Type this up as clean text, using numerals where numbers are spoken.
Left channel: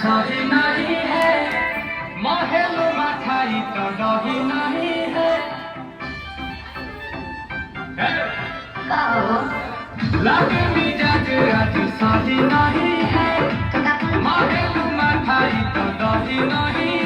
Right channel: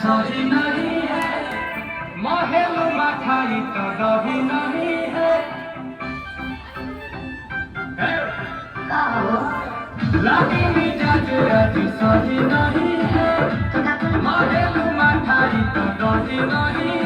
सही नहीं है महल मठाई तो दही नहीं है लागे मिजाज आज सही नहीं है महल मठाई तो दही नहीं